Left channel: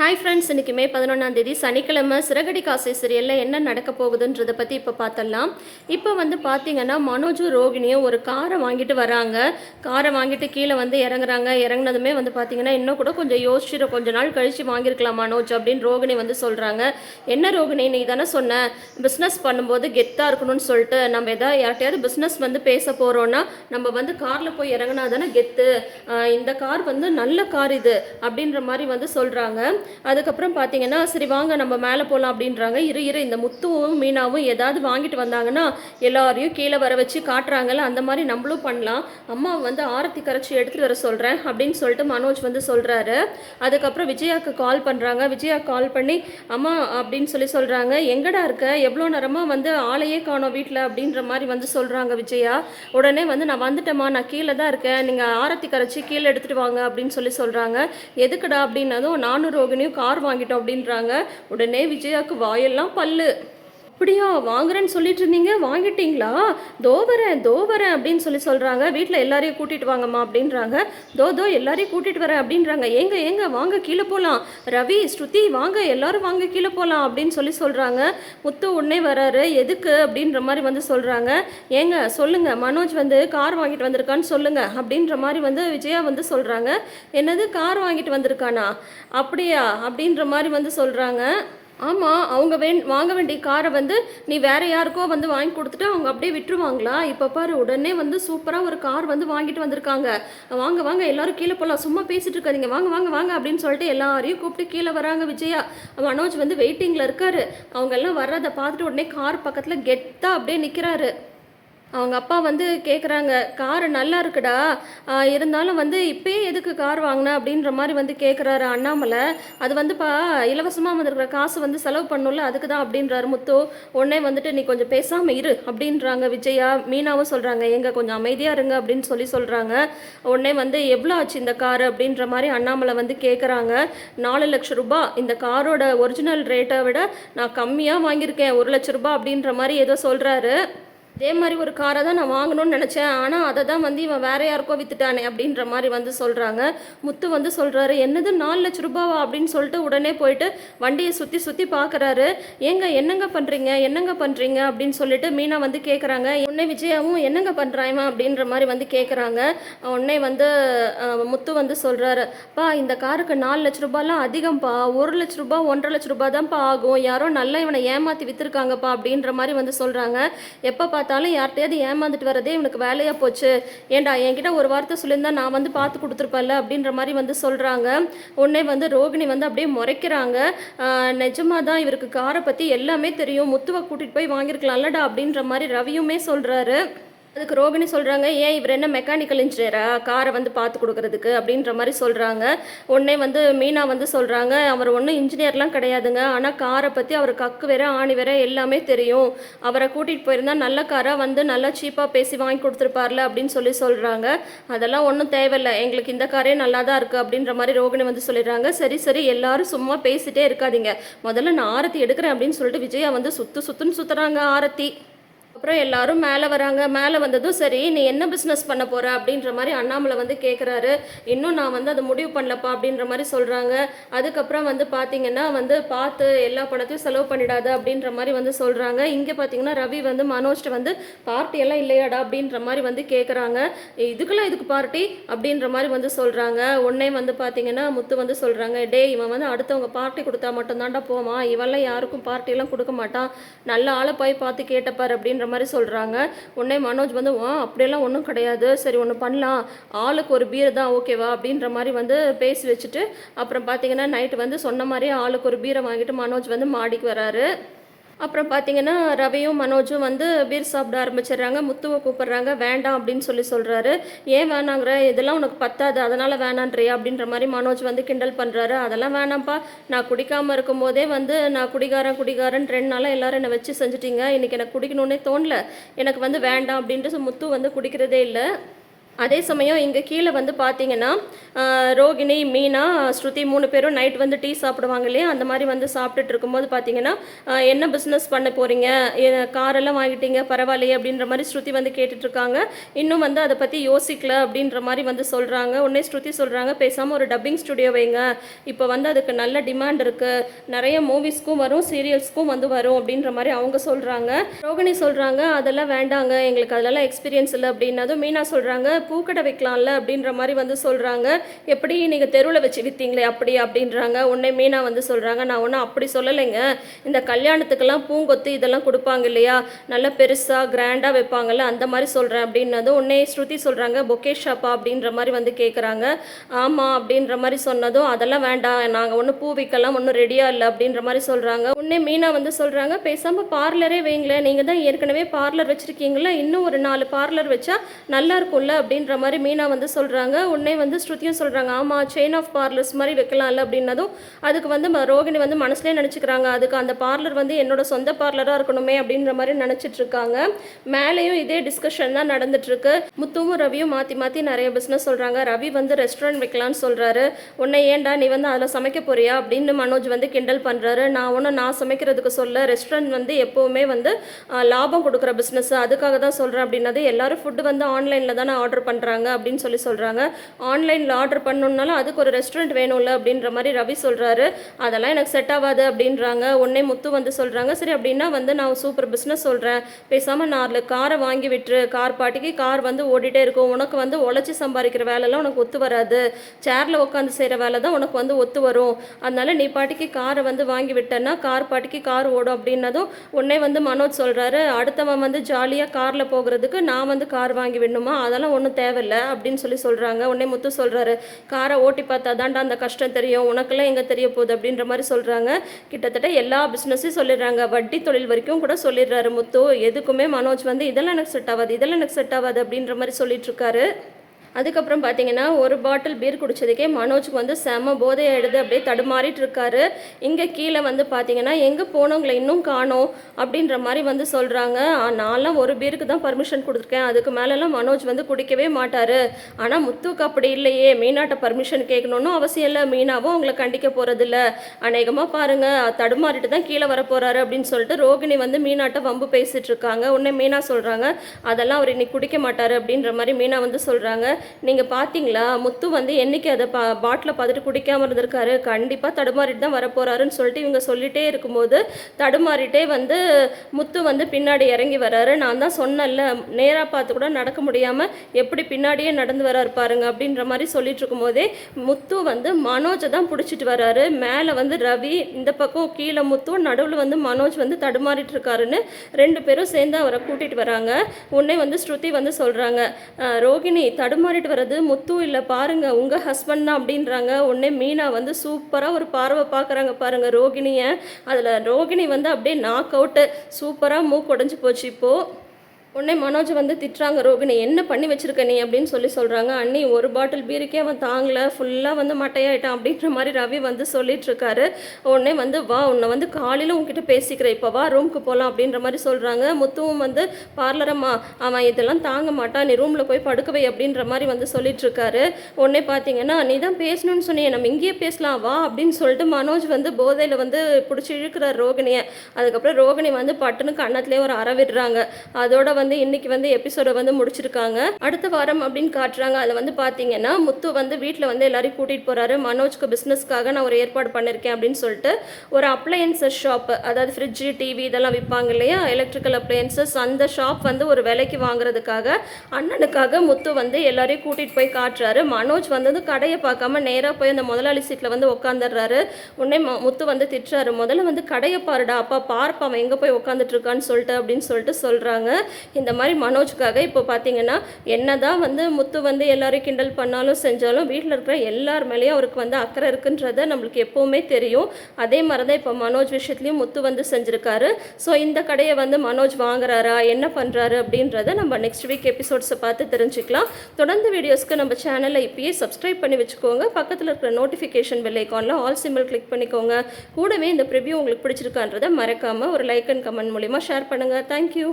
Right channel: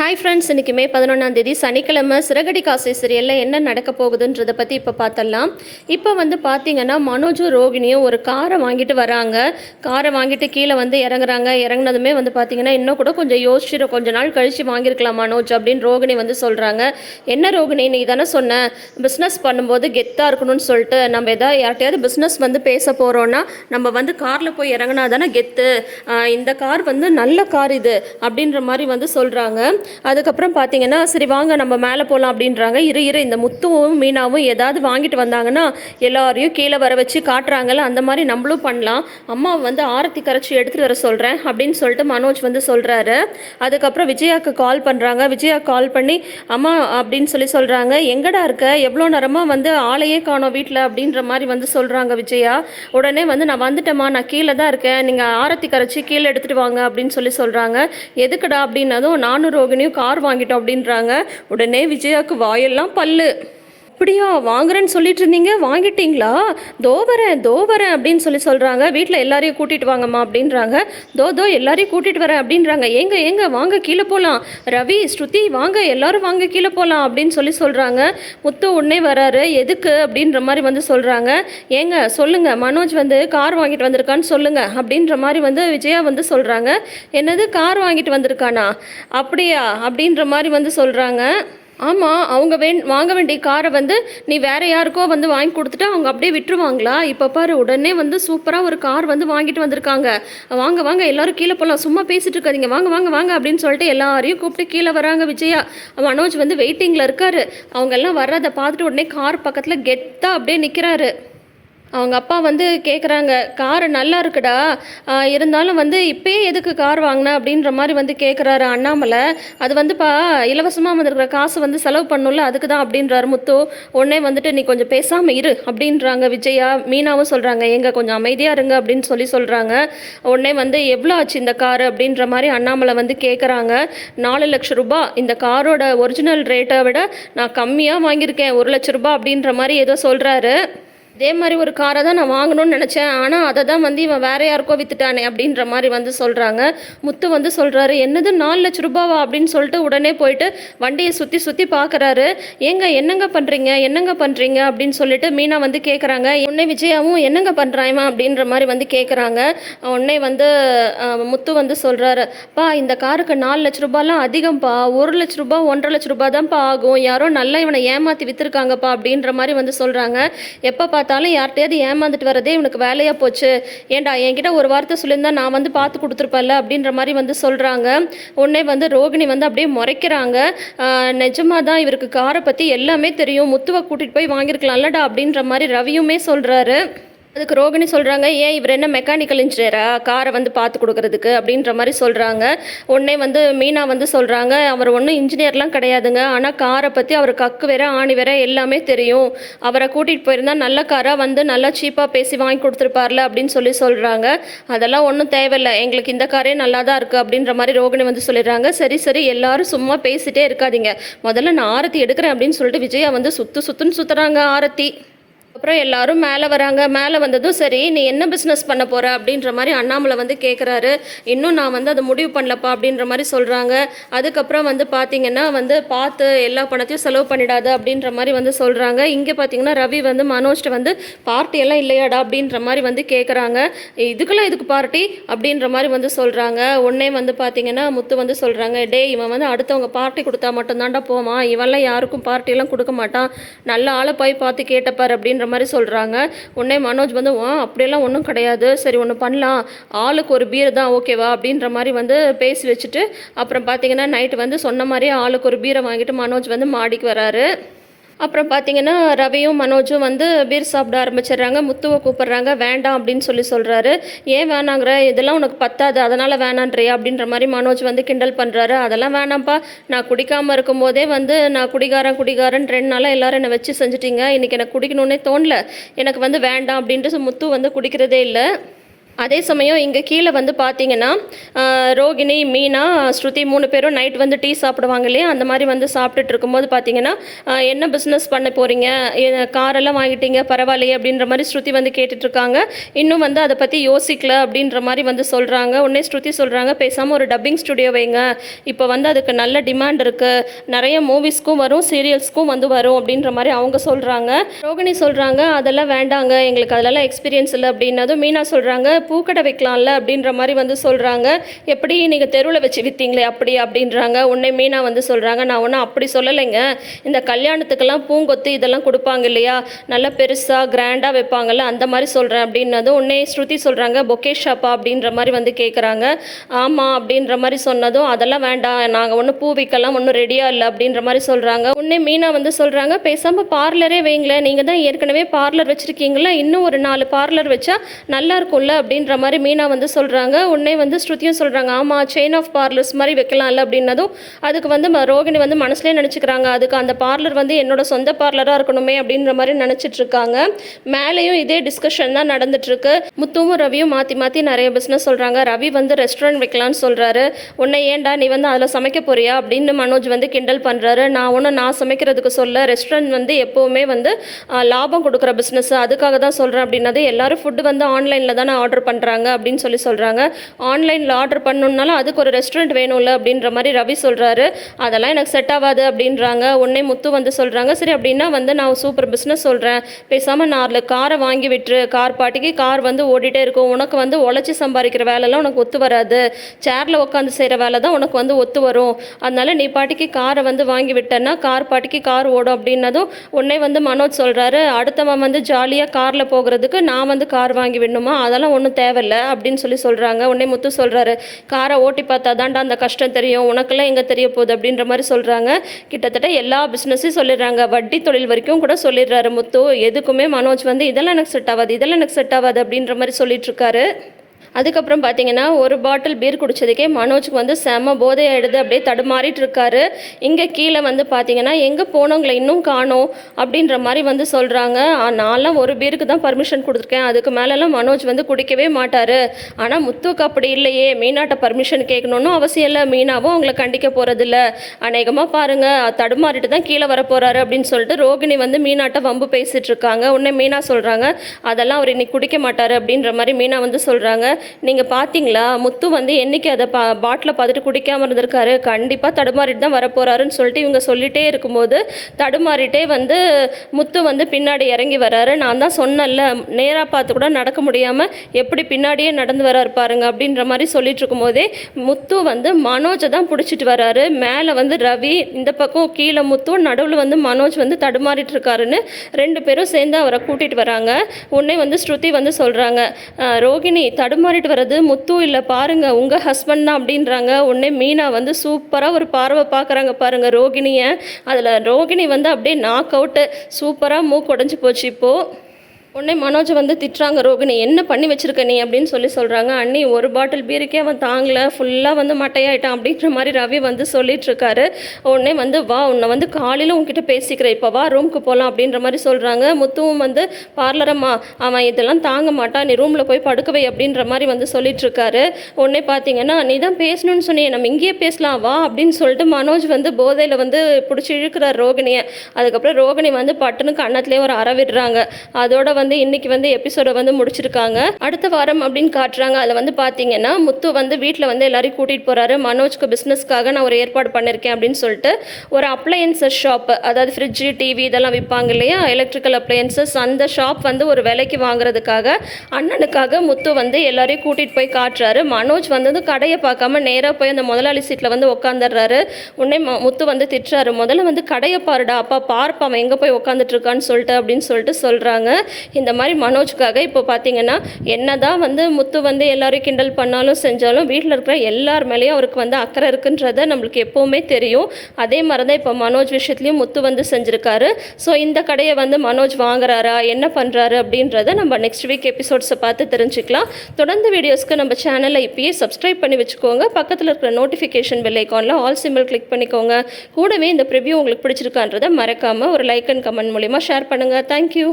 Hi friends இன்றைக்கி மே பதினொன்றாம் தேதி சனிக்கிழமை சிறகடி காசை சீரியலில் என்ன நடக்க போகுதுன்றதை பற்றி இப்போ பார்த்தலாம் இப்போ வந்து பார்த்தீங்கன்னா மனோஜும் ரோகிணியும் ஒரு காரை வாங்கிட்டு வராங்க. காரை வாங்கிட்டு கீழே வந்து இறங்குறாங்க. இறங்குனதுமே வந்து பார்த்தீங்கன்னா இன்னும் கூட கொஞ்சம் யோசிச்சு கொஞ்ச நாள் கழித்து வாங்கியிருக்கலாம் மனோஜ் அப்படின்னு ரோகிணி வந்து சொல்கிறாங்க என்ன ரோகிணி நீ தானே சொன்ன பிஸ்னஸ் பண்ணும்போது கெத்தாக இருக்கணும்னு சொல்லிட்டு நம்ம எதாவது யார்கிட்டயாவது பிஸ்னஸ் வந்து பேச போகிறோன்னா நம்ம வந்து காரில் போய் இறங்குனா தானே கெத்து. இந்த கார் வந்து நல்ல கார் இது அப்படின்ற மாதிரி வந்து சொல்கிறாங்க அதுக்கப்புறம் பார்த்தீங்கன்னா சரி வாங்க நம்ம மேலே போகலாம் அப்படின்றாங்க. இரு இரு இந்த முத்துவும் மீனாவும் ஏதாவது வாங்கிட்டு வந்தாங்கன்னா எல்லாரையும் கீழே வர வச்சு காட்டுறாங்கல்ல அந்த மாதிரி நம்மளும் பண்ணலாம். அம்மா வந்து ஆரத்தி கரைச்சி எடுத்துகிட்டு வர சொல்கிறேன் அப்படின்னு சொல்லிட்டு மனோஜ் வந்து சொல்கிறாரு அதுக்கப்புறம் விஜயாவுக்கு கால் பண்ணுறாங்க விஜயா கால் பண்ணி அம்மா அப்படின்னு சொல்லி சொல்கிறாங்க எங்கடா இருக்க? எவ்வளோ நேரமாக வந்து ஆளையே காணோம் வீட்டில் அப்படின்ற மாதிரி வந்து சொல்கிறாங்க விஜயா. உடனே வந்து நான் வந்துட்டேம்மா. நான் கீழே தான் இருக்கேன். நீங்கள் ஆரத்தி கரைச்சி கீழே எடுத்துகிட்டு வாங்க அப்படின்னு சொல்லி சொல்கிறாங்க எதுக்குடா? அப்படின்னதும் நானும் ரோகிணியும் கார் வாங்கிட்டோம் அப்படின்றாங்க. உடனே விஜயாவுக்கு வாயெல்லாம் பல்லு. அப்படியா? வாங்குறேன்னு சொல்லிட்டு இருந்தீங்க வாங்கிட்டீங்களா? தோ வரேன் தோ வரேன் அப்படின்னு சொல்லி சொல்கிறாங்க வீட்டில் எல்லாரையும் கூட்டிகிட்டு வாங்கம்மா அப்படின்றாங்க. தோ தோ எல்லாரையும் கூட்டிகிட்டு வரேன் அப்படின்றாங்க. ஏங்க ஏங்க வாங்க கீழே போகலாம் ரவி ஸ்ருதி வாங்க எல்லாரும் வாங்க கீழே போகலாம் அப்படின்னு சொல்லி சொல்கிறாங்க முத்து உடனே வராரு. எதுக்கு? அப்படின்ற மாதிரி வந்து சொல்கிறாங்க ஏங்க சொல்லுங்கள் மனோஜ் வந்து கார் வாங்கிட்டு வந்திருக்கான்னு சொல்லுங்கள் அப்படின்ற மாதிரி வந்து விஜயா வந்து சொல்கிறாங்க என்னது? கார் வாங்கிட்டு வந்திருக்கானா? அப்படியா? அப்படின்ற மாதிரி வந்து சொல்கிறாங்க ஆமாம் அவங்க வே வாங்க வேண்டிய காரை வந்து நீ வேற யாருக்கோ வந்து வாங்கி கொடுத்துட்டு அவங்க அப்படியே விட்டுருவாங்களா? இப்போ பாரு உடனே வந்து சூப்பராக ஒரு கார் வந்து வாங்கிட்டு வந்திருக்காங்க. வாங்க வாங்க எல்லாரும் கீழே போகலாம் சும்மா பேசிட்டு இருக்காதீங்க. வாங்க வாங்க வாங்க அப்படின்னு சொல்லிட்டு எல்லாரையும் கூப்பிட்டு கீழே வராங்க விஜயா. மனோஜ் வந்து வெயிட்டிங்கில் இருக்காரு. அவங்க எல்லாம் வர்றதை பார்த்துட்டு உடனே கார் பக்கத்தில் கெத்தாக அப்படியே நிற்கிறாரு அவங்க அப்பா வந்து கேட்குறாங்க கார் நல்லா இருக்குடா. இருந்தாலும் வந்து இப்போயே எதுக்கு கார் வாங்கின? அப்படின்ற மாதிரி வந்து கேட்குறாரு அண்ணாமலை. அது வந்துப்பா இலவசமாக வந்திருக்கிற காசு வந்து செலவு பண்ணும்ல அதுக்கு தான் அப்படின்றாரு முத்து. உடனே வந்துட்டு நீ கொஞ்சம் பேசாமல் இரு அப்படின்றாங்க விஜயா. மீனாவும் சொல்கிறாங்க எங்கே கொஞ்சம் அமைதியாக இருங்க அப்படின்னு சொல்லி சொல்கிறாங்க உடனே வந்து எவ்வளோ ஆச்சு இந்த காரு? அப்படின்ற மாதிரி அண்ணாமலை வந்து கேட்குறாங்க நாலு லட்சம் ரூபாய் இந்த காரோட ஒரிஜினல் ரேட்டை விட நான் கம்மியாக வாங்கியிருக்கேன் ஒரு லட்ச ரூபாய் அப்படின்ற மாதிரி ஏதோ சொல்கிறாரு இதே மாதிரி ஒரு காரை தான் நான் வாங்கணும்னு நினச்சேன். ஆனால் அதை தான் வந்து இவன் வேற யாருக்கோ வித்துட்டானே அப்படின்ற மாதிரி வந்து சொல்கிறாங்க முத்து வந்து சொல்கிறாரு என்னது நாலு லட்ச ரூபாவா? அப்படின்னு சொல்லிட்டு உடனே போயிட்டு வண்டியை சுற்றி சுற்றி பார்க்குறாரு ஏங்க என்னங்க பண்ணுறீங்க என்னங்க பண்ணுறீங்க அப்படின்னு சொல்லிட்டு மீனா வந்து கேட்குறாங்க உடனே விஜயாவும் என்னங்க பண்ணுறாய்மா அப்படின்ற மாதிரி வந்து கேட்குறாங்க உடனே வந்து முத்து வந்து சொல்கிறாரு பா இந்த காருக்கு நாலு லட்ச ரூபாய்லாம் அதிகம்ப்பா ஒரு லட்ச ரூபாய் ஒன்றரை லட்ச ரூபா தான்ப்பா ஆகும். யாரோ நல்லா இவனை ஏமாற்றி விற்றுருக்காங்கப்பா அப்படின்ற மாதிரி வந்து சொல்கிறாங்க எப்போ பார்த்து பார்த்தாலும் யார்கிட்டயாவது ஏமாந்துட்டு வரதே இவனுக்கு வேலையாக போச்சு. ஏன்டா என்கிட்ட ஒரு வார்த்தை சொல்லியிருந்தா நான் வந்து பார்த்து கொடுத்துருப்பேன்ல அப்படின்ற மாதிரி வந்து சொல்கிறாங்க உடனே வந்து ரோகிணி வந்து அப்படியே முறைக்கிறாங்க. நிஜமாக தான் இவருக்கு காரை பற்றி எல்லாமே தெரியும். முத்துவை கூட்டிகிட்டு போய் வாங்கியிருக்கலாம்லடா அப்படின்ற மாதிரி ரவியுமே சொல்கிறாரு அதுக்கு ரோகிணி சொல்கிறாங்க ஏன் இவர் என்ன மெக்கானிக்கல் இன்ஜினியரா காரை வந்து பார்த்து கொடுக்கறதுக்கு? அப்படின்ற மாதிரி சொல்கிறாங்க உடனே வந்து மீனா வந்து சொல்கிறாங்க அவர் ஒன்றும் இன்ஜினியர்லாம் கிடையாதுங்க. ஆனால் காரை பற்றி அவர் கக்கு வேற ஆணி வேற எல்லாமே தெரியும். அவரை கூட்டிகிட்டு போயிருந்தா நல்ல காராக வந்து நல்லா சீப்பாக பேசி வாங்கி கொடுத்துருப்பார்ல? அப்படின்னு சொல்லி சொல்கிறாங்க அதெல்லாம் ஒன்றும் தேவையில்லை. எங்களுக்கு இந்த காரே நல்லா தான் இருக்குது அப்படின்ற மாதிரி ரோகிணி வந்து சொல்லிடுறாங்க. சரி சரி. எல்லாரும் சும்மா பேசிட்டே இருக்காதீங்க. முதல்ல நான் ஆரத்தி எடுக்கிறேன் அப்படின்னு சொல்லிட்டு விஜயா வந்து சுற்று சுற்றுன்னு சுற்றுறாங்க ஆரத்தி. அப்புறம் எல்லாரும் மேலே வராங்க. மேலே வந்ததும் சரி நீ என்ன பிஸ்னஸ் பண்ண போகிற அப்படின்ற மாதிரி அண்ணாமலை வந்து கேட்குறாரு இன்னும் நான் வந்து அதை முடிவு பண்ணலப்பா அப்படின்ற மாதிரி சொல்கிறாங்க அதுக்கப்புறம் வந்து பார்த்தீங்கன்னா வந்து பார்த்து எல்லா பணத்தையும் செலவு பண்ணிடாத அப்படின்ற மாதிரி வந்து சொல்கிறாங்க இங்கே பார்த்தீங்கன்னா ரவி வந்து மனோஜ்ட்ட வந்து பார்ட்டி எல்லாம் இல்லையாடா அப்படின்ற மாதிரி வந்து கேட்குறாங்க இதுக்கெல்லாம் இதுக்கு பார்ட்டி அப்படின்ற மாதிரி வந்து சொல்கிறாங்க உடனே வந்து பார்த்தீங்கன்னா முத்து வந்து சொல்கிறாங்க டே இவன் வந்து அடுத்தவங்க பார்ட்டி கொடுத்தா மட்டும்தான்டா போவான். இவெல்லாம் யாருக்கும் பார்ட்டியெல்லாம் கொடுக்க மாட்டான். நல்ல ஆளை போய் பார்த்து கேட்டப்பார் அப்படின்ற மாதிரி சொல்கிறாங்க உடனே மனோஜ் வந்து ஆ அப்படியெல்லாம் ஒன்றும் கிடையாது. சரி ஒன்று பண்ணலாம். ஆளுக்கு ஒரு பீர் தான் ஓகேவா அப்படின்ற மாதிரி வந்து பேசி வச்சுட்டு அப்புறம் பார்த்தீங்கன்னா நைட்டு வந்து சொன்ன மாதிரியே ஆளுக்கு ஒரு பீரை வாங்கிட்டு மனோஜ் வந்து மாடிக்கு வராரு. அப்புறம் பார்த்தீங்கன்னா ரவியும் மனோஜும் வந்து பீர் சாப்பிட ஆரம்பிச்சிடுறாங்க. முத்துவை கூப்பிட்றாங்க. வேண்டாம் அப்படின்னு சொல்லி சொல்கிறாரு ஏன் வேணாங்கிற? இதெல்லாம் உனக்கு பத்தாது. அதனால் வேணான்றியா? அப்படின்ற மாதிரி மனோஜ் வந்து கிண்டல் பண்ணுறாரு அதெல்லாம் வேணாம்ப்பா. நான் குடிக்காமல் இருக்கும்போதே வந்து நான் குடிகாரன் குடிகாரன். ரெண்டு நாளாக எல்லாரும் என்னை வச்சு செஞ்சுட்டீங்க. இன்றைக்கி எனக்கு குடிக்கணுன்னே தோணல. எனக்கு வந்து வேண்டாம் அப்படின்ட்டு முத்து வந்து குடிக்கிறதே இல்லை. அதே சமயம் இங்கே கீழே வந்து பார்த்தீங்கன்னா ரோகிணி மீனா ஸ்ருதி மூணு பேரும் நைட் வந்து டீ சாப்பிடுவாங்க இல்லையா? அந்த மாதிரி வந்து சாப்பிட்டுட்டு இருக்கும்போது பார்த்தீங்கன்னா என்ன பிஸ்னஸ் பண்ண போகிறீங்க காரெல்லாம் வாங்கிட்டீங்க பரவாயில்லையே அப்படின்ற மாதிரி ஸ்ருதி வந்து கேட்டுட்ருக்காங்க இன்னும் வந்து அதை பற்றி யோசிக்கல அப்படின்ற மாதிரி வந்து சொல்கிறாங்க உடனே ஸ்ருதி சொல்கிறாங்க பேசாமல் ஒரு டப்பிங் ஸ்டுடியோ வைங்க. இப்போ வந்து அதுக்கு நல்ல டிமாண்ட் இருக்குது நிறைய மூவிஸ்க்கும் வரும் சீரியல்ஸ்க்கும் வந்து வரும் அப்படின்ற மாதிரி அவங்க சொல்கிறாங்க ரோகிணி சொல்கிறாங்க அதெல்லாம் வேண்டாங்க. எங்களுக்கு அதெல்லாம் எக்ஸ்பீரியன்ஸ் இல்லை. அப்படின்னதும் மீனா சொல்கிறாங்க பூக்கடை வைக்கலாம்ல அப்படின்ற மாதிரி வந்து சொல்கிறாங்க எப்படி நீங்கள் தெருவில் வச்சு விற்றீங்களே அப்படி அப்படின்றாங்க. உடனே மீனா வந்து சொல்கிறாங்க நான் ஒன்றும் அப்படி சொல்லலைங்க. இந்த கல்யாணத்துக்கெல்லாம் பூங்கொத்து இதெல்லாம் கொடுப்பாங்க இல்லையா? நல்லா பெருசாக கிராண்டாக வைப்பாங்கல்ல அந்த மாதிரி சொல்கிறேன் அப்படின்னதும் உன்னே ஸ்ருதி சொல்கிறாங்க பொக்கே ஷாப்பா அப்படின்ற மாதிரி வந்து கேட்குறாங்க ஆமாம் அப்படின்ற மாதிரி சொன்னதும் அதெல்லாம் வேண்டாம். நாங்கள் ஒன்றும் பூ விற்கலாம் ஒன்றும் ரெடியாக இல்லை அப்படின்ற மாதிரி சொல்கிறாங்க உன்னே மீனா வந்து சொல்கிறாங்க பேசாமல் பார்லரே வைங்களேன். நீங்கள் தான் ஏற்கனவே பார்லர் வச்சுருக்கீங்களா இன்னும் ஒரு நாலு பார்லர் வச்சா நல்லா இருக்கும்ல அப்படின்ற மாதிரி மீனா வந்து சொல்கிறாங்க உடனே வந்து ஸ்ருதியும் சொல்கிறாங்க ஆமாம் செயின் ஆஃப் பார்லர்ஸ் மாதிரி வைக்கலாம்ல அப்படின்னதும் அதுக்கு வந்து ம- ரோகிணி வந்து மனசுலேயே நினச்சிக்கிறாங்க. அதுக்கு அந்த பார்லர் வந்து என்னோட சொந்த பார்லராக இருக்கணுமே அப்படின்ற மாதிரி நினச்சிட்டு இருக்காங்க மேலேயும் இதே டிஸ்கஷன் தான் நடந்துட்டுருக்கு முத்துவும் ரவியும் மாற்றி மாற்றி நிறைய பிஸ்னஸ் சொல்கிறாங்க ரவி வந்து ரெஸ்டாரண்ட் வைக்கலான்னு சொல்கிறாரு உன்னை ஏன்டா நீ வந்து அதில் சமைக்க போறியா அப்படின்னு மனோஜ் வந்து கிண்டல் பண்ணுறாரு நான் ஒன்றும் நான் சமைக்கிறதுக்கு சொல்ல ரெஸ்டாரண்ட் வந்து எப்போவுமே வந்து லாபம் கொடுக்குற பிஸ்னஸ் அதுக்காக தான் சொல்கிறேன் அப்படின்னது எல்லோரும் ஃபுட்டு வந்து ஆன்லைனில் தானே ஆர்டர் பண்ணுறாங்க அப்படின்னு சொல்லி சொல்கிறாங்க ஆன்லைனில் ஆர்டர் பண்ணணுன்னாலும் அதுக்கு ஒரு ரெஸ்டாரண்ட் வேணும்ல அப்படின்ற மாதிரி ரவி சொல்கிறாரு அதெல்லாம் எனக்கு செட் ஆகாது அப்படின்றாங்க. உடனே முத்து வந்து சொல்கிறாங்க சரி அப்படின்னா வந்து நான் சூப்பர் பிஸ்னஸ் சொல்கிறேன் பேசாமல் நான் அதில் காரை வாங்கி விட்டுரு. கார் பாட்டிக்கு கார் வந்து ஓடிட்டே இருக்கும். உனக்கு வந்து உழைச்சி சம்பாதிக்கிற வேலைலாம் உனக்கு ஒத்து வராது. சேரில் உட்காந்து செய்கிற வேலை தான் உனக்கு வந்து ஒத்து வரும். அதனால் நீ பாட்டிக்கு காரை வந்து வாங்கி விட்டேன்னா கார் பாட்டிக்கு கார் ஓடும். அப்படின்னதும் உடனே வந்து மனோஜ் சொல்கிறாரு அடுத்தவன் வந்து ஜாலியாக காரில் போகிறதுக்கு நான் வந்து கார் வாங்கி விடணுமா? அதெல்லாம் ஒன்றும் தேவையில்ல அப்படின்னு சொல்லி சொல்கிறாங்க உடனே முத்து சொல்கிறாரு காரை ஓட்டி பார்த்தா தான்டா அந்த கஷ்டம் தெரியும். உனக்கெல்லாம் எங்கே தெரிய போகுது? அப்படின்ற மாதிரி சொல்கிறாங்க கிட்டத்தட்ட எல்லா பிஸ்னஸையும் சொல்லிடுறாங்க. வட்டி தொழில் வரைக்கும் கூட சொல்லிடுறாரு முத்து. எதுக்குமே மனோஜ் வந்து இதெல்லாம் எனக்கு செட் ஆகாது இதெல்லாம் எனக்கு செட் ஆகாது அப்படின்ற மாதிரி சொல்லிட்டு இருக்காரு. அதுக்கப்புறம் பார்த்தீங்கன்னா ஒரு பாட்டில் பீர் குடிச்சதுக்கே மனோஜுக்கு வந்து செம போதை எடுத்து அப்படியே தடுமாறிட்டு இருக்காரு. இங்கே கீழே வந்து பார்த்தீங்கன்னா எங்கே போனவங்களை இன்னும் காணோம் அப்படின்ற மாதிரி வந்து சொல்கிறாங்க நான்லாம் ஒரு பீருக்கு தான் பர்மிஷன் கொடுத்துருக்கேன். அதுக்கு மேலெல்லாம் மனோஜ் வந்து குடிக்கவே மாட்டார். ஆனால் முத்துக்கு அப்படி இல்லையே. மீனாட்ட பர்மிஷன் கேட்கணுன்னு அவசியம் இல்லை. மீனாவும் அவங்கள கண்டிக்க போகிறதில்ல அநேகமாக பாருங்கள் தடுமாறிட்டு தான் கீழே வர போகிறாரு அப்படின்னு சொல்லிட்டு ரோகிணி வந்து மீனாட்ட வம்பு பேசிகிட்ருக்காங்க இருக்காங்க. உடனே மீனா சொல்கிறாங்க அதெல்லாம் அவர் இன்னைக்கு குடிக்க மாட்டார் அப்படின்ற மாதிரி மீனா வந்து சொல்கிறாங்க நீங்கள் பார்த்தீங்களா முத்து வந்து என்னைக்கு அதை பா பாட்டில் பார்த்துட்டு குடிக்காமல் இருந்திருக்காரு? கண்டிப்பாக தடுமாறிட்டு தான் வரப்போகிறாருன்னு சொல்லிட்டு இவங்க சொல்லிட்டே இருக்கும்போது தடுமாறிட்டே வந்து முத்து வந்து பின்னாடி இறங்கி வராரு. நான் தான் சொன்னேன்ல நேராக பார்த்து கூட நடக்க முடியாமல் எப்படி பின்னாடியே நடந்து வராரு பாருங்க அப்படின்ற மாதிரி சொல்லிட்டு இருக்கும்போதே முத்து வந்து மனோஜை தான் பிடிச்சிட்டு வராரு. மேலே வந்து ரவி இந்த பக்கம் கீழே முத்தும் நடுவில் வந்து மனோஜ் வந்து தடுமாறிட்டு இருக்காருன்னு ரெண்டு பேரும் சேர்ந்து அவரை கூட்டிகிட்டு வராங்க. உடனே வந்து ஸ்ருதி வந்து சொல்கிறாங்க ரோகிணி மாறிட்டு வர்றது முத்து இல்லை பாருங்கள் உங்கள் ஹஸ்பண்ட் தான் அப்படின்றாங்க. உடனே மீனா வந்து சூப்பராக ஒரு பார்வை பார்க்குறாங்க பாருங்கள் ரோகிணியை. அதில் ரோகிணி வந்து அப்படியே நாக் அவுட்டு சூப்பராக மூக்கு உடஞ்சி போச்சு இப்போது உடனே மனோஜ் வந்து திட்டுறாங்க ரோகிணி என்ன பண்ணி வச்சிருக்க நீ அப்படின்னு சொல்லி சொல்கிறாங்க அண்ணி ஒரு பாட்டில் பீருக்கே அவன் தாங்கலை ஃபுல்லாக வந்து மட்டையாயிட்டான் அப்படின்ற மாதிரி ரவி வந்து சொல்லிகிட்ருக்காரு உடனே வந்து வா உன்னை வந்து காலையில் உன்கிட்ட பேசிக்கிறேன் இப்போ வா ரூமுக்கு போகலாம் அப்படின்ற மாதிரி சொல்கிறாங்க முத்துவும் வந்து பார்லரம்மா அவன் இதெல்லாம் தாங்க மாட்டான் நீ ரூமில் போய் படுக்கவை அப்படின்ற மாதிரி வந்து சொல்லிட்டு உடனே பார்த்தீங்கன்னா நீ தான் பேசணும்னு சொன்னியே நம்ம இங்கேயே பேசலாம் வா அப்படின்னு சொல்லிட்டு மனோஜ் வந்து போதையில் வந்து பிடிச்சி இழுக்கிறார் ரோகிணியை. அதுக்கப்புறம் ரோகிணி வந்து பட்டுன்னு கண்ணத்துலேயே ஒரு அற விடுறாங்க. அதோட வந்து இன்னைக்கு வந்து எபிசோடை வந்து முடிச்சிருக்காங்க. அடுத்த வாரம் அப்படின்னு காட்டுறாங்க. அதில் வந்து பார்த்தீங்கன்னா முத்து வந்து வீட்டில் வந்து எல்லாரையும் கூட்டிகிட்டு போகிறாரு மனோஜ்க்கு பிஸ்னஸ்க்காக நான் ஒரு ஏற்பாடு பண்ணியிருக்கேன் அப்படின்னு சொல்லிட்டு ஒரு அப்ளையன்சஸ் ஷாப் அதாவது ஃப்ரிட்ஜு டிவி இதெல்லாம் விற்பாங்க இல்லையா? எலக்ட்ரிக்கல் அப்ளையன்சஸ் அந்த ஷாப் வந்து ஒரு விலைக்கு வாங்குறதுக்காக அண்ணனுக்காக முத்து வந்து எல்லாரையும் கூட்டிகிட்டு போய் காட்டுறாரு. மனோஜ் வந்து கடையை பார்க்காம நேராக போய் அந்த முதலாளி சீட்டில் வந்து உட்காந்துடுறாரு உடனே ம- முத்து வந்து திட்டுறாரு. முதல்ல வந்து கடையை பாருடா அப்பா பார்ப்பா அவன் எங்கே போய் உட்காந்துட்டு இருக்கான்னு சொல்லிட்டு அப்படின்னு சொல்லிட்டு சொல்கிறாங்க இந்த மாதிரி மனோஜ்க்காக இப்போ பார்த்தீங்கன்னா என்னதான் வந்து முத்து வந்து எல்லாரையும் கிண்டல் பண்ணாலும் செஞ்சாலும் வீட்டில் இருக்கிற எல்லார் மேலேயும் அவருக்கு வந்து அக்கறை இருக்குன்றத நம்மளுக்கு எப்போவுமே தெரியும். அதே மாதிரி தான் இப்போ மனோஜ் விஷயத்துலையும் முத்து வந்து செஞ்சுருக்காரு. ஸோ இந்த கடையை வந்து மனோஜ் வாங்குறாரா? என்ன பண்ணுறாரு அப்படின்றத நம்ம நெக்ஸ்ட் வீக் எபிசோட்ஸை பார்த்து தெரிஞ்சுக்கலாம். தொடர்ந்து வீடியோஸ்க்கு நம்ம சேனலை இப்பயே சப்ஸ்கிரைப் பண்ணி வச்சுக்கோங்க. பக்கத்தில் இருக்கிற நோட்டிஃபிகேஷன் பெல் ஐக்கானில் ஆல் சிம்பிள் கிளிக் பண்ணிக்கோங்க. கூடவே இந்த ப்ரிவ்யூ உங்களுக்கு பிடிச்சிருக்கான்றதை மறக்காமல் ஒரு லைக் அண்ட் கமெண்ட் மூலிமா ஷேர் பண்ணுங்கள் தேங்க்யூ